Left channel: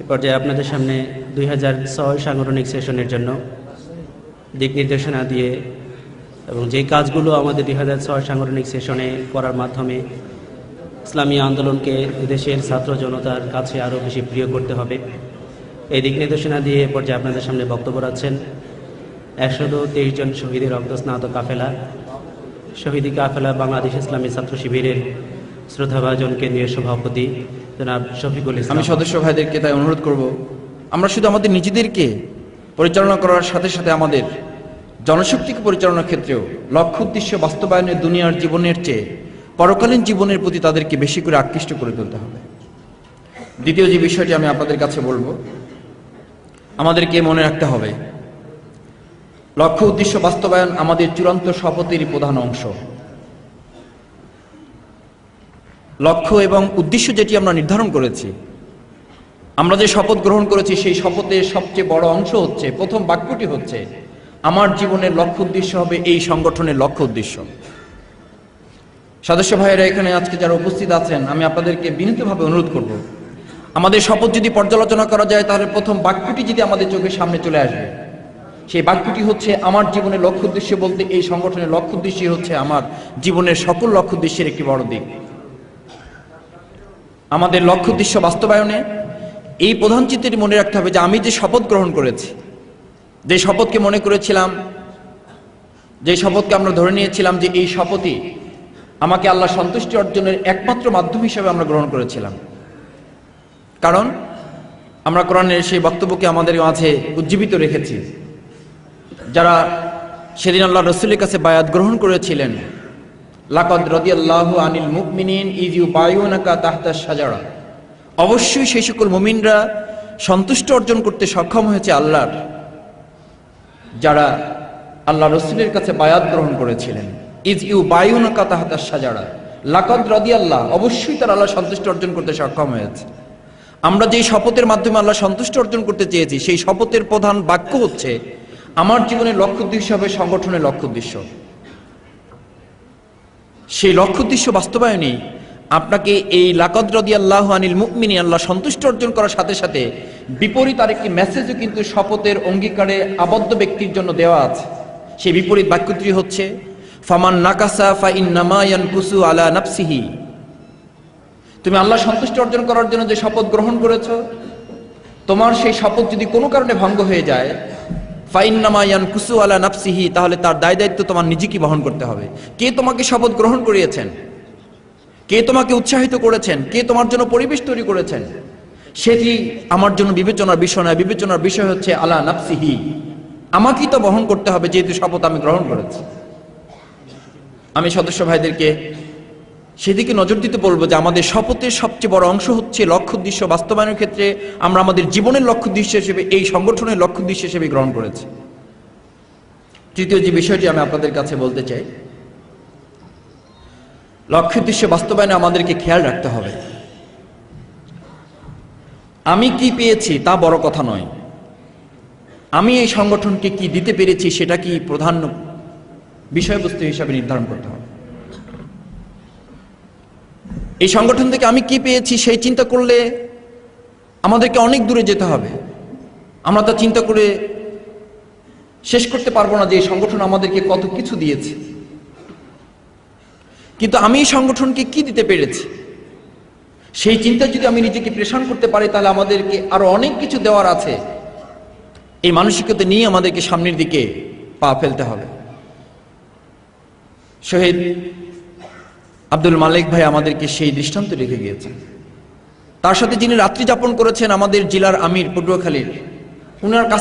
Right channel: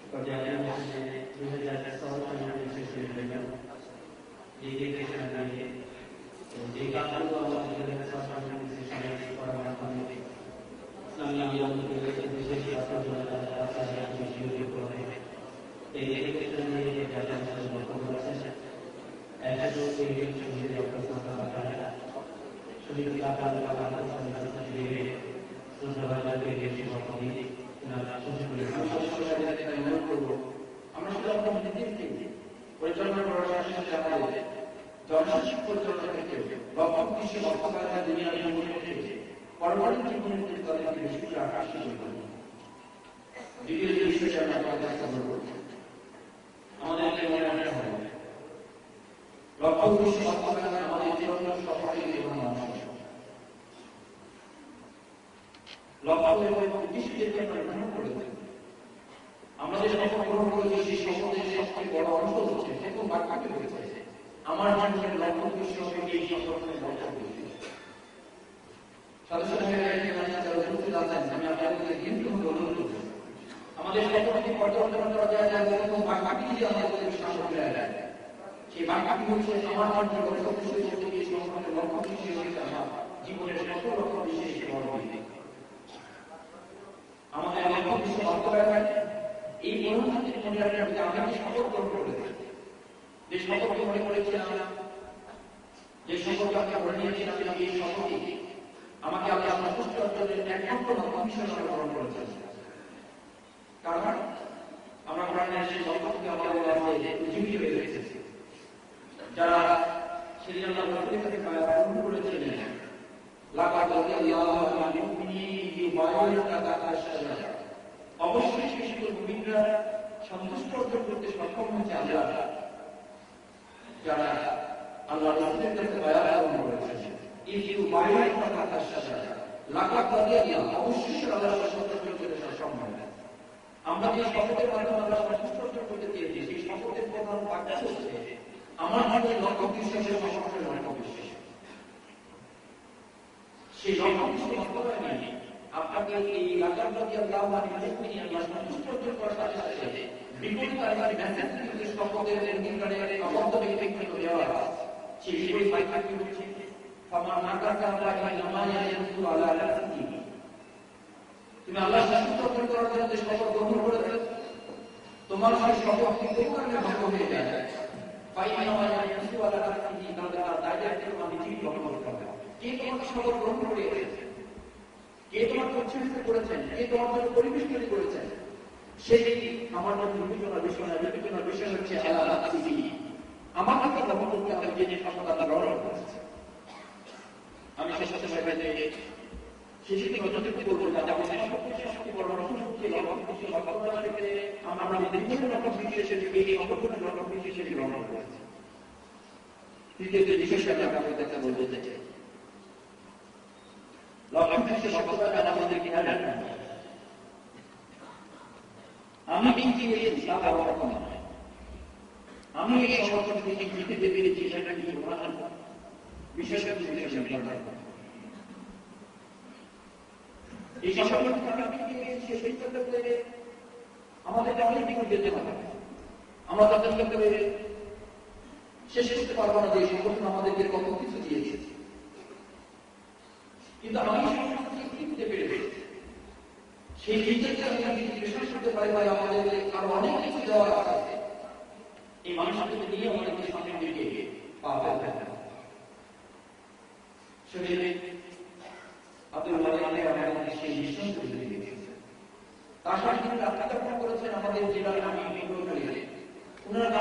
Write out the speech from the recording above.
এ পর্যায়ে আপনাদের সামনে 2006 সাংগঠনিক সেশনের জন্য দিক নির্দেশনা দিয়ে এবং যে কাজগুলো আমাদের 2006 সাংগঠনিক সেশনে করার মাধ্যমে ইসলামী আন্দোলনকে দেশের ছাত্র জনতার কাছে আরও বেশি প্রিয় করতে হবে, এই দিক নির্দেশনা দিয়ে এ পর্যায়ে আপনাদের সামনে বক্তব্য রাখছেন 123 জন শহীদের রক্তস্নাত কাফেলা, শহীদি কাফেলা বাংলাদেশ ইসলামী ছাত্র শিবিরের শ্রদ্ধাভাজন কেন্দ্রীয় সভাপতি জনাব শফিকুল ইসলাম। আমি সদস্য ভাইদেরকে তাই অনুরোধ করব, আমরা শুধু আমাদের নিজেদেরকে পরিচালনা করার সাথে সাথে আমাদের জনশক্তিকে পরিচালনার ক্ষেত্রেও লক্ষ্য উদ্দেশ্য বাস্তবায়নের দুনিয়ার জীবনের চেয়ে পরকালীন জীবনের প্রতি তাদেরকে বেশি করে আকৃষ্ট করে তুলতে হবে। দ্বিতীয় যে বিষয়টি আমি আপনাদের কাছে বলবো, আমাদেরকে মনে রাখতে হবে লক্ষ্য উদ্দেশ্য বাস্তবায়ন আমাদের চূড়ান্ত শপথেরই প্রধান অংশ। লক্ষ্য এবং উদ্দেশ্য যেটি আমরা নির্ধারণ করেছি, আমরা যে শপথ গ্রহণ করেছি, সেই শপথের সবচেয়ে বড় অংশ হচ্ছে, প্রথম বাক্যটি হচ্ছে, আমার জীবনের লক্ষ্য উদ্দেশ্য হবে এই সংগঠনের লক্ষ্য উদ্দেশ্য। সদস্য ভাইয়েরা এখানে আজকে যারা উপস্থিত আছেন, আমি আপনাদেরকে বিনীতভাবে অনুরোধ করব, আমাদের শপথ যদি পর্যালোচনা করা যায়, তাহলে প্রথম বাক্যটি যদি আমাদের চোখের সামনে চলে আসবে, সেই বাক্যটি হচ্ছে, আমার জীবনের লক্ষ্য উদ্দেশ্য বলতে এই সংগঠনের লক্ষ্য উদ্দেশ্যই হচ্ছে আমার জীবনের সকল লক্ষ্য উদ্দেশ্যের একটি বড় দিক। আমাদের লক্ষ্য উদ্দেশ্য বাস্তবায়নে এই প্রধান চিন্তাটি মনে রাখতে হবে যে আমি যে শপথ গ্রহণ করেছি, যে শপথকে মনে করেছিলাম, যে শপথকে আমরা ধরে নিয়েছিলাম যে এই শপথই আমাকে আল্লাহ সন্তুষ্টি অর্জনের একমাত্র মাধ্যম হিসেবে আমরা গ্রহণ করেছিলাম। কারণ আমরা কোরআনের সেই বক্তব্যকে আমাদের মাঝে উজ্জীবিত রেখেছি। যারা সেদিন আল্লাহ রসুলের কাছে বায়াত গ্রহণ করেছিলেন, লাকাদ রাদিয়াল্লাহু আনিল মুমিনিন ইয ইউবায়ুনাকা তাহতা শাজারা, অবশ্যই সেই সকল মুমিনরা সন্তুষ্ট অর্জন করতে সক্ষম হয়েছে আল্লাহর, যারা আল্লাহ রসুলের কাছে বায়াত গ্রহণ করেছিলেন। ইয ইউবায়ুনাকা তাহতা শাজারা, লাকাদ রাদিয়াল্লাহ, অবশ্যই তারা আল্লাহ সন্তুষ্ট অর্জন করতে সক্ষম হয়েছে। আমরা যেই শপথের মাধ্যমে আল্লাহ সন্তুষ্ট অর্জন করতে চেয়েছি, সেই শপথের প্রধান বাক্য হচ্ছে, আমার জীবনের লক্ষ্য উদ্দেশ্য হবে সংগঠনের লক্ষ্য উদ্দেশ্য। সেই লক্ষ্য উদ্দেশ্য বাস্তবায়নে আপনাকে এই লাকাদ রাদিয়াল্লাহু আনিল মুমিনিন, আল্লাহ সন্তুষ্ট অর্জন করার সাথে সাথে বিপরীত আরেকটি মেসেজও কিন্তু শপথের অঙ্গীকারে আবদ্ধ ব্যক্তির জন্য দেওয়া আছে। সেই বিপরীত বাক্যটি হচ্ছে, ফামান নাকাসা ফা ইন্নামা ইয়ানকুসু আলা নাফসিহি, তুমি আল্লাহ সন্তুষ্ট অর্জন করার জন্য যে শপথ গ্রহণ করেছো, তোমার সেই শপথ যদি কোনো কারণে ভঙ্গ হয়ে যায়, ফাইন্নামা ইয়ানকুসু আলা নাফসিহি, তাহলে তার দায় দায়িত্ব তোমার নিজেকে বহন করতে হবে। কে তোমাকে শপথ গ্রহণ করিয়েছেন, কে তোমাকে উৎসাহিত করেছেন, কে তোমার জন্য পরিবেশ তৈরি করেছেন, সেটি আমার জন্য বিবেচনার বিষয় নয়। বিবেচনার বিষয় হচ্ছে আলা নাফসিহি, আমাকেই তো বহন করতে হবে, যেহেতু শপথ আমি গ্রহণ করেছি। আমি সদস্য ভাইদেরকে সেদিকে নজর দিতে বলবো যে আমাদের শপথের সবচেয়ে বড় অংশ হচ্ছে লক্ষ্য উদ্দেশ্য বাস্তবায়নের ক্ষেত্রে আমরা আমাদের জীবনের লক্ষ্য উদ্দেশ্য হিসেবে এই সংগঠনের লক্ষ্য উদ্দেশ্য হিসেবে গ্রহণ করেছি। তৃতীয় যে বিষয়টি আমি আপনাদের কাছে বলতে চাই, লক্ষ্য উদ্দেশ্য বাস্তবায়নে আমাদেরকে খেয়াল রাখতে হবে, আমি কি পেয়েছি তা বড় কথা নয়, আমি এই সংগঠনকে কি দিতে পেরেছি সেটা কি প্রধান বিষয়বস্তু হিসাবে নির্ধারণ করতে হবে। এই সংগঠন থেকে আমি কি পেয়েছি সেই চিন্তা করলে আমাদেরকে অনেক দূরে যেতে হবে। আমরা তা চিন্তা করে শেষ করতে পারবো না যে এই সংগঠন আমাদেরকে কত কিছু দিয়েছে, কিন্তু আমি এই সংগঠনকে কি দিতে পেরেছি সেই চিন্তা যদি আমি নিজেকে প্রেষণ করতে পারি, তাহলে আমাদেরকে আরো অনেক কিছু দেওয়ার আছে। এই মানসিকতা নিয়ে আমাদেরকে সামনের দিকে পা ফেলতে হবে। শহীদ আব্দুল মালিক ভাই আমাদেরকে সেই দৃষ্টান্ত রেখে গিয়েছেন। তার সাথে যিনি রাত্রি যাপন করেছেন আমাদের জেলার আমির পটুয়াখালীর, উনার কাছ